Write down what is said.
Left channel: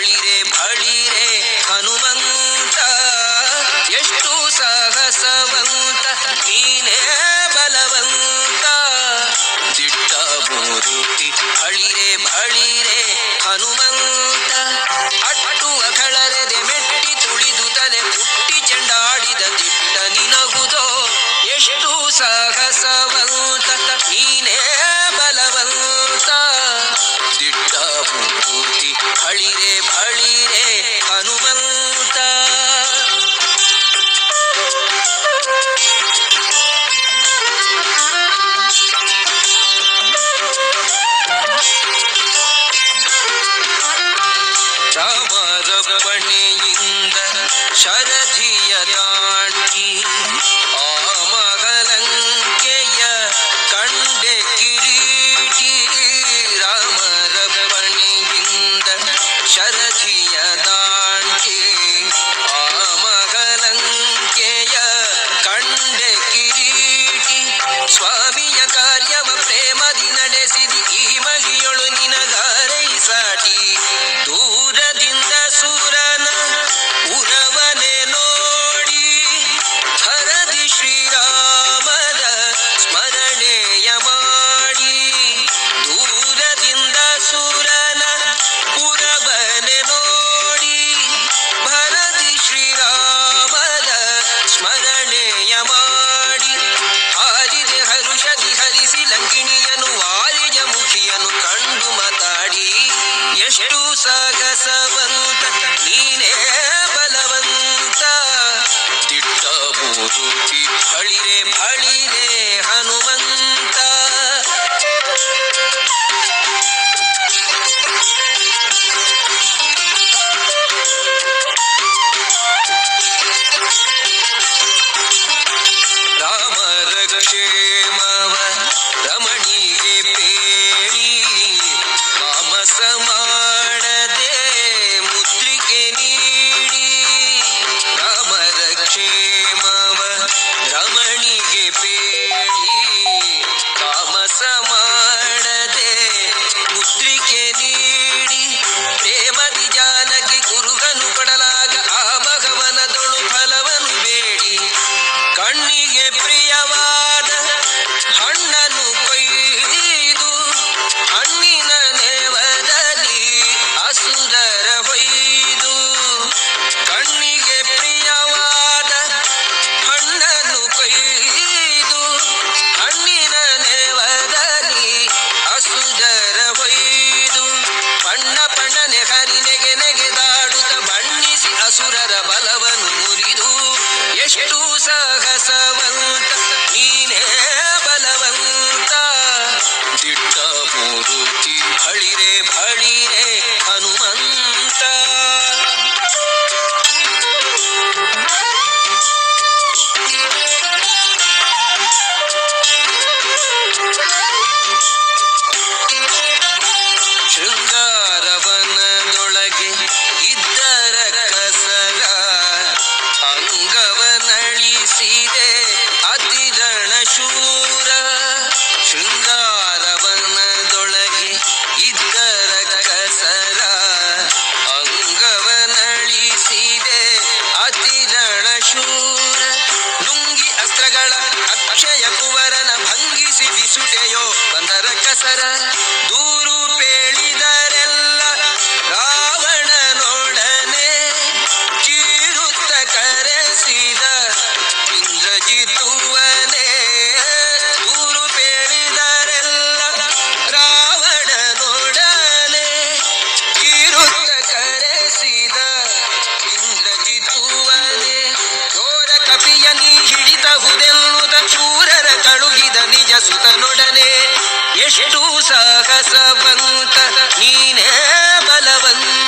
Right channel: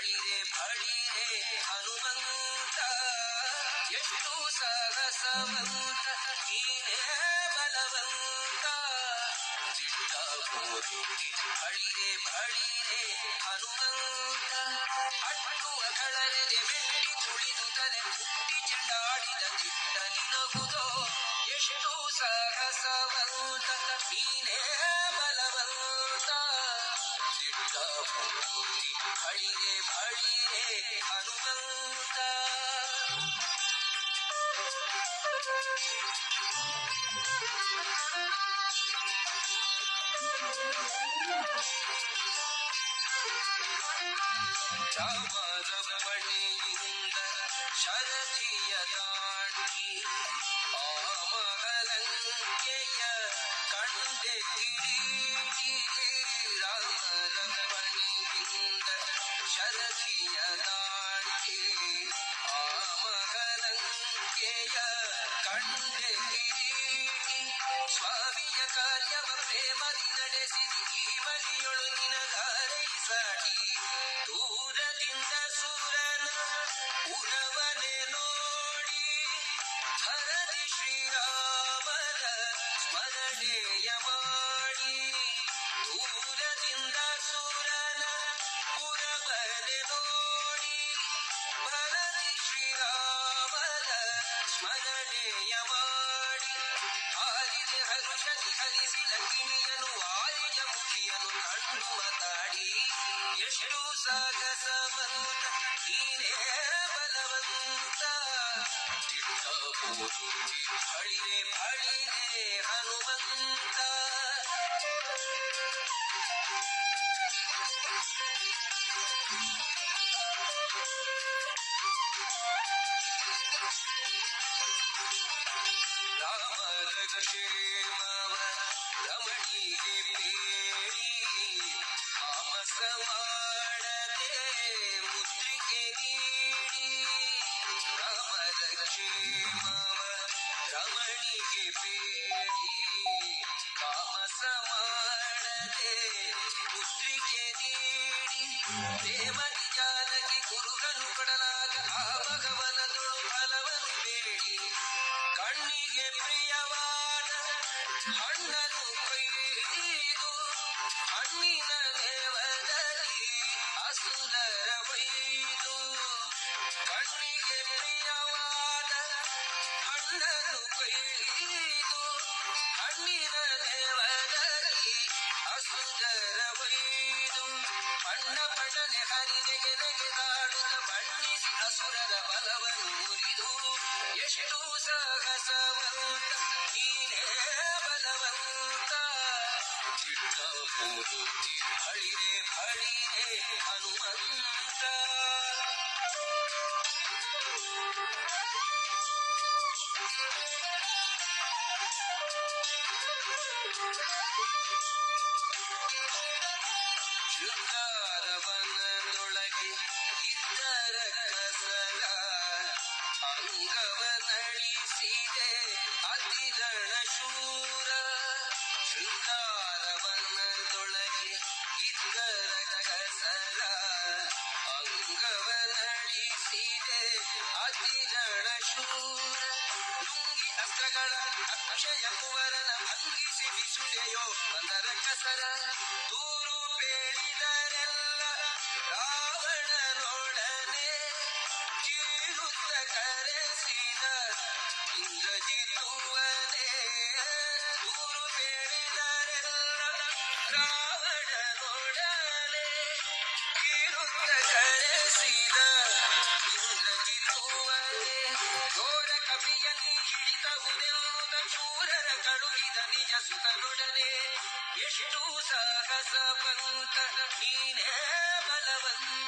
ಬಳಿರೆ ಬಳಿರೆ ಹನುಮಂತ ಎಷ್ಟು ಸಾಹಸವಂತ ನೀನೇ ಬಲವಂತ ದಿಟ್ಟ ಮೂರುತಿ ಬಳಿರೆ ಬಳಿರೆ ಹನುಮಂತ ಅಟ್ಟುವ ಕಳರೆದೆ ಮೆಟ್ಟಿ ತುಳಿದು ತಲೆ ಪುಟ್ಟಿ ಚೆಂಡಾಡಿದ ದಿಟ್ಟ ನಿನಗುದೋ ಎಷ್ಟು ಸಾಹಸವಂತ ನೀನೇ ಬಲವಂತ ದಿಟ್ಟ ಮೂರ್ತಿ ಬಳಿರೆ ಬಳಿರೆ ಹನುಮಂತ ರಾಮರಪ್ಪಣೆಯಿಂದ ಶರಧಿಯ ದಾಟಿ ಆ ಮಗಲಂಕೆಯ ಕಂಡೆ ಕಿರೀಟಿ ರಾಮರಪ್ಪಣೆಯಿಂದ ಶರಧಿಯ ದಾಟಿ ಆ ಮಗಲಂಕೆಯ ಕಂಡೆ ಕಿರೀಟಿ ಸ್ವಾಮಿಯ ಕಾರ್ಯವ ಪ್ರೇಮದಿ ನಡೆಸಿದಿ ಈ ಮಗಿಯೊಳು ನಿನಗಾರೈ ಸಾಟಿ ದೂರದಿಂದ ಸೂರನ ಉರವನೆ ನೋಡಿ ಹರದಿ ಶ್ರೀರಾಮನ ಸ್ಮರಣೆಯ ಮಾಡಿ ದೂರದಿಂದ ಸೂರನ ಉರವನೆ ನೋಡಿ ಭರದಿ ಶ್ರೀರಾಮನ ಸ್ಮರಣೆಯ ಮಾಡಿ ಹಾರಿದೆ ಹರುಷದಿ ಹರಿಸಿ ಲಂಕಿಣಿಯನು ವಾರಿಜ ಮುಖಿಯನು ಕಂಡು ಮಾತಾಡಿ ಎಷ್ಟು ಸಾಗಸವಂತ ನೀನೇ ಬಲವಂತ ದಿಟ್ಟ ಮೂರುತಿ ಬಳಿರೆ ಬಳಿರೆ ಹನುಮಂತ ರಾಮರ ಕ್ಷೇಮವ ರಮಣಿಗೆ ಪೇಳಿ ಮಾಮಸ ಮಾಡದೆ ಮುದ್ರಿಕೆ ನೀಡಿ ರಾಮರ ಕ್ಷೇಮವ ರಮಣಿಗೆ ಪೇಳಿ ತಾಮಸ ಮಾಡದೆ ಮುದ್ರಿಕೆ ನೀಡಿ ಪ್ರೇಮದಿ ಜಾನಕಿ ಕುರುಗನು ಕೊಡಲಾಗ ಆ ಭಗವನದೊಳು ಫಲವನು ಬೇಡಿ ಕಣ್ಣಿಗೆ ಪ್ರಿಯವಾದ ಹಣ್ಣನು ಕೊಯ್ದು ಹಣ್ಣಿನ ನೇವದಲ್ಲಿ ಅಸುರರ ಹೊಯ್ದು ಕಣ್ಣಿಗೆ ಪ್ರಿಯವಾದ ಹಣ್ಣನು ಕೊಯ್ದು ಹಣ್ಣಿನ ನೇವದಲ್ಲಿ ಅಸುರರ ಹೊಯ್ದು ಬಣ್ಣ ಬಣ್ಣನೆ ಹರಿನೆಗೆ ನೆಗೆದಾಡುತ್ತ ಬಣ್ಣಿಸಿ ಅಸುರರ ಬಲವನ್ನು ಮುರಿದು ಎಷ್ಟು ಸಾಹಸವಂತ ನೀನೇ ಬಲವಂತ ದಿಟ್ಟ ಮೂರುತಿ ಬಳಿರೆ ಬಳಿರೆ ಹನುಮಂತ ಶೃಂಗಾರವನದೊಳಗೆ ಇದ್ದರ ಕಸರ ಅಂಗವನಳಿಸಿದೆ ಅತಿರಣ ಶೂರ ಶೃಂಗಾರವನದೊಳಗೆ ಇದ್ದರ ಕಸರ ಅಂಗವನಳಿಸಿದೆ ಅತಿರಣ ಶೂರ ಲುಂಗಿ ಅಸ್ತ್ರಗಳ ಅಕ್ಷಯ ಕುವರನ ಭಂಗಿಸಿ ಬಿಸುಟೆಯೋ ಬಂದರ ಕಸರ ದೂರು ಪೇಳಿದರೆಲ್ಲ ರಾವಣನೊಡನೆ ಚೀರುತ್ತ ಕರೆಸಿದ ಇಂದ್ರಜಿತುವನೇ ದೂರು ಪೇಳಿದರೆಲ್ಲ ರಾವಣನೊಡನೆ ಚೀರುತ್ತ ಕರೆಸಿದ ಇಂದ್ರಜಿತುವನೇ ಘೋರ ಕಪಿಯ ನೀ ಹಿಡಿತಹುದೆನ್ನುತ್ತ ಶೂರರ ತಳುಗಿದ ನಿಜ ಸುತನೊಡನೆ ಎಷ್ಟು ಸಾಹಸವಂತ ನೀನೇ ಬಲವಂತ